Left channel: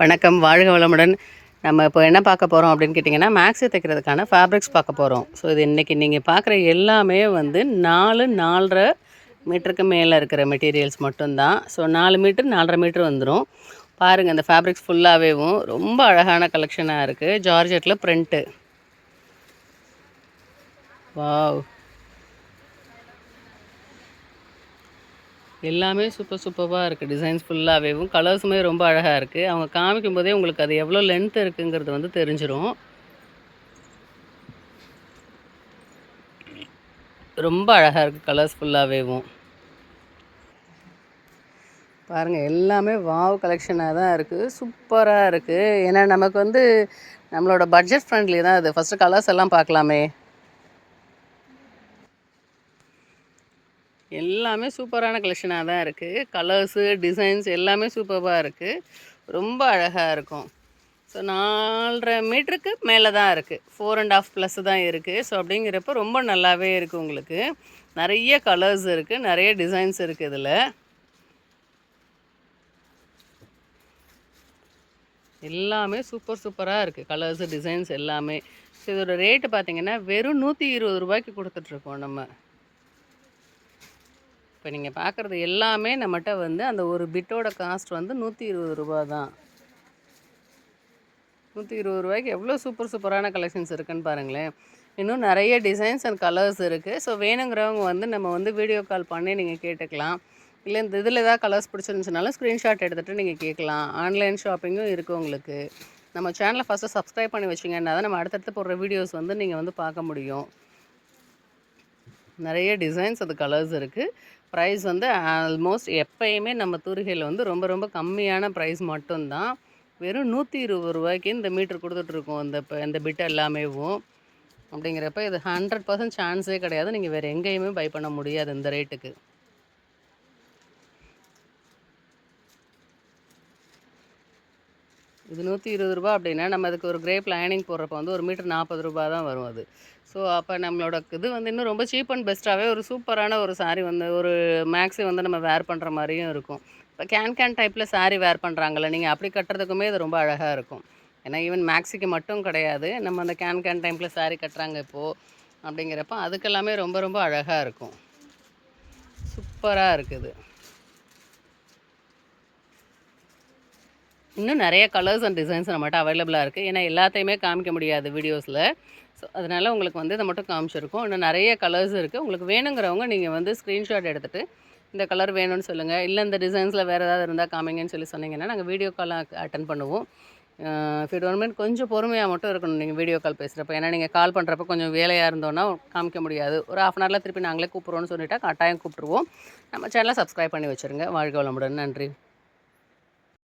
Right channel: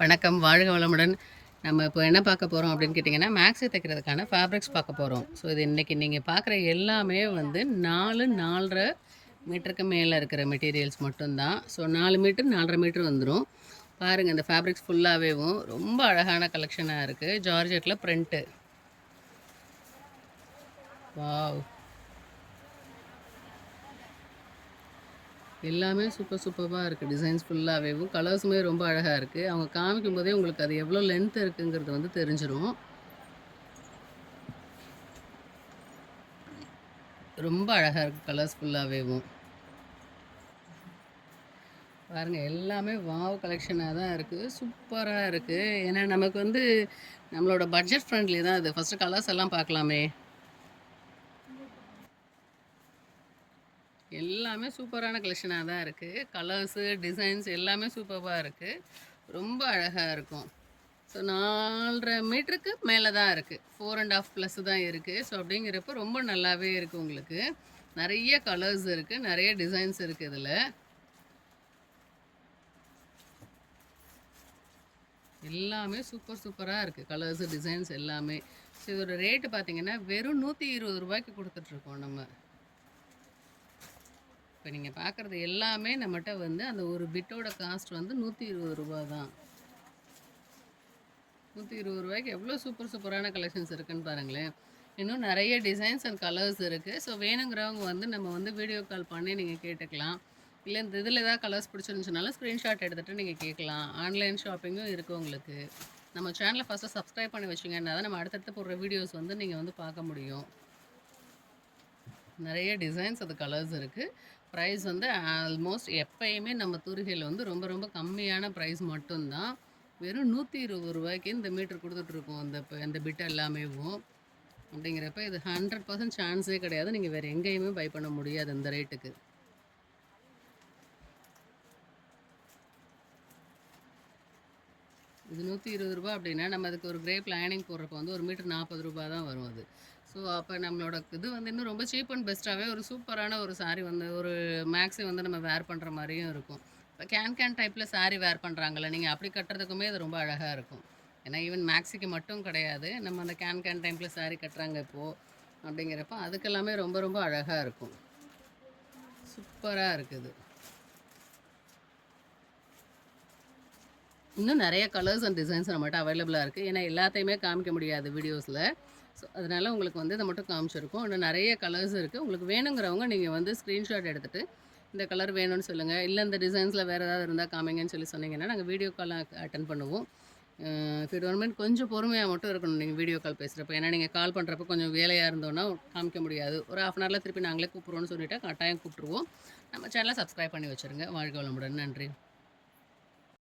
வணக்கம். வாழ்க வளமுடன். நம்ம இப்போ என்ன பார்க்க போகிறோம் அப்படின்னு கேட்டிங்கன்னா மேக்ஸி தைக்கிறதுக்கான ஃபேப்ரிக்ஸ் பார்க்க போகிறோம் ஸோ இது இன்றைக்கி நீங்கள் பார்க்குற எல்லாமே வந்து நாலு நாலரை மீட்டருக்கு மேலே இருக்கிற மெட்டீரியல்ஸ் மட்டும்தான். ஸோ நாலு மீட்டர் நாலரை மீட்டர் வந்துடும் பாருங்கள் அந்த ஃபேப்ரிக்ஸ் ஃபுல்லாகவேவும் ரொம்ப அழகான கலெக்ஷனாக இருக்குது ஜார்ஜெட்டில் பிரிண்ட்டு வாவ் எல்லாமே சூப்பர் சூப்பராக இருக்குது டிசைன்ஸ் ஃபுல்லாகவேவும் கலர்ஸுமே ரொம்ப அழகாக இருக்குது அவங்க காமிக்கும் போதே உங்களுக்கு அது எவ்வளோ லென்த் இருக்குங்கிறது வந்து தெரிஞ்சிடும் ரொம்ப அழகாக இருக்குது கலர்ஸ் ஃபுல்லாகவேவும் பாருங்கள் எல்லாமே வாவ் கலெக்ஷனாக தான் இருக்குது சூப்பராக இருக்குது ஏன்னா நமக்கு வந்து நம்மளோட பட்ஜெட் ஃப்ரெண்ட்லி தான் அது. ஃபஸ்ட்டு கலர்ஸ் எல்லாம் பார்க்கலாமே. எல்லாமே சூப்பரான கலெக்ஷனாக தான் இருக்குது கலர்ஸு டிசைன்ஸ் எல்லாமே சூப்பராக இருக்குது ரொம்ப அழகாக இருக்கும். ஸோ நாலரை மீட்டருக்கு மேலே தான் இருக்குது ஃபோர் அண்ட் ஆஃப் ப்ளஸ் தான் இருக்குது ஸோ அப்படிங்கிறப்ப ரொம்ப நல்லாவே இருக்குது உங்களுக்கு. நிறைய கலர்ஸ் இருக்குது நிறைய டிசைன்ஸ் இருக்குது இதில். எல்லாமே சூப்பர் சூப்பராக இருக்குது கலர்ஸு டிசைன்ஸ் எல்லாமே. ஸோ இதோட ரேட்டு பார்த்தீங்கன்னா வெறும் நூற்றி இருபது ரூபாய்க்கு கொடுத்துட்ருக்கோம் நம்ம. இப்போ நீங்கள் பார்க்குறது எல்லாமே நம்மகிட்ட வந்து அந்த ஒரு பிட்டோட காஸ்ட் வந்து நூற்றி இருபது ரூபா தான். நூற்றி இருபது ரூபாய்க்கு எவ்வளோ சூப்பர் சூப்பரான கலெக்ஷன்ஸ் இருக்குன்னு பாருங்களேன். இன்னும் நிறைய டிசைன்ஸ் அண்ட் கலர்ஸ் இருக்குது ஸோ வேணுங்கிறவங்க வந்து நம்ம வந்து வீடியோ கால் பண்ணி நீங்கள் கேட்டுக்கலாம். இல்லை இந்த இதில் ஏதாவது கலர்ஸ் பிடிச்சிருந்துச்சுனாலும் ஸ்க்ரீன்ஷாட் எடுத்துகிட்டு நீங்கள் கேட்கலாம். ஆன்லைன் ஷாப்பிங்கும் இருக்குது உங்களுக்கு. நம்ம சேனலை ஃபஸ்ட்டு சப்ஸ்கிரைப் பண்ணி வச்சிங்கன்னா தான் நம்ம அடுத்தடுத்து போடுற வீடியோஸ் வந்து நீங்கள் வந்து பார்க்க முடியும். நிறைய டிசைன்ஸ் அது கலர்ஸ் இருக்குது ப்ரைஸ் வந்து ஆல்மோஸ்ட் எப்பயுமே நம்ம தூரிகையில் வந்து ரொம்ப ரொம்ப கம்மியான ப்ரைஸ் மட்டும்தான். வெறும் நூற்றி இருபது ரூபாய்க்கு இந்த மீட்ரு கொடுத்துட்ருக்கோம். இந்த இப்போ இந்த பிட் எல்லாமேவும். அப்படிங்கிறப்ப இது ஹண்ட்ரட் பர்சன்ட் சான்ஸே கிடையாது. நீங்கள் வேறு எங்கேயுமே பை பண்ண முடியாது இந்த ரேட்டுக்கு இது நூற்றி இருபது ரூபா அப்படின்னா நம்ம அதுக்கு ஒரு கிரேப் லைனிங் போடுறப்ப வந்து ஒரு மீட்டர் நாற்பது ரூபா தான் வரும் அது. ஸோ அப்போ நம்மளோட இது வந்து இன்னும் ரொம்ப சீப் அண்ட் பெஸ்ட்டாகவே ஒரு சூப்பரான ஒரு saree வந்து ஒரு மேக்ஸி வந்து நம்ம வேர் பண்ணுற மாதிரியும் இருக்கும். இப்போ கேன் கேன் டைப்பில் saree வேர் பண்ணுறாங்கல்ல நீங்கள் அப்படி கட்டுறதுக்குமே இது ரொம்ப அழகாக இருக்கும். ஏன்னா ஈவன் மேக்ஸிக்கு மட்டும் கிடையாது. நம்ம அந்த கேன் கேன் டைப்பில் saree கட்டுறாங்க இப்போது அப்படிங்கிறப்ப அதுக்கெல்லாமே ரொம்ப ரொம்ப அழகாக இருக்கும். சூப்பராக இருக்குது. இன்னும் நிறைய கலர்ஸ் அண்ட் டிசைன்ஸ் நம்மகிட்ட அவைலபிளாக இருக்குது ஏன்னா எல்லாத்தையுமே காமிக்க முடியாது வீடியோஸில் ஸோ அதனால் உங்களுக்கு வந்து இதை மட்டும் காமிச்சிருக்கோம். இன்னும் நிறைய கலர்ஸ் இருக்குது உங்களுக்கு வேணுங்கிறவங்க நீங்கள் வந்து ஸ்க்ரீன்ஷாட் எடுத்துகிட்டு இந்த கலர் வேணும்னு சொல்லுங்கள் இல்லை இந்த டிசைன்ஸில் வேறு ஏதாவது இருந்தால் காமிங்கன்னு சொல்லி சொன்னீங்கன்னா நாங்கள் வீடியோ கால் அட்டன் பண்ணுவோம். இஃப் இட் கொஞ்சம் பொறுமையாக மட்டும் இருக்கணும் நீங்கள் வீடியோ கால் பேசுகிறப்ப ஏன்னா நீங்கள் கால் பண்ணுறப்ப கொஞ்சம் வேலையாக இருந்தோன்னா காமிக்க முடியாது. ஒரு ஆஃப் அன் ஹவரில் திருப்பி நாங்களே கூப்பிட்றோன்னு சொல்லிவிட்டா கட்டாயம் கூப்பிட்ருவோம் நம்ம சேனலை சப்ஸ்கிரைப் பண்ணி வச்சுருங்க. வாழ்க வளமுடன். நன்றி.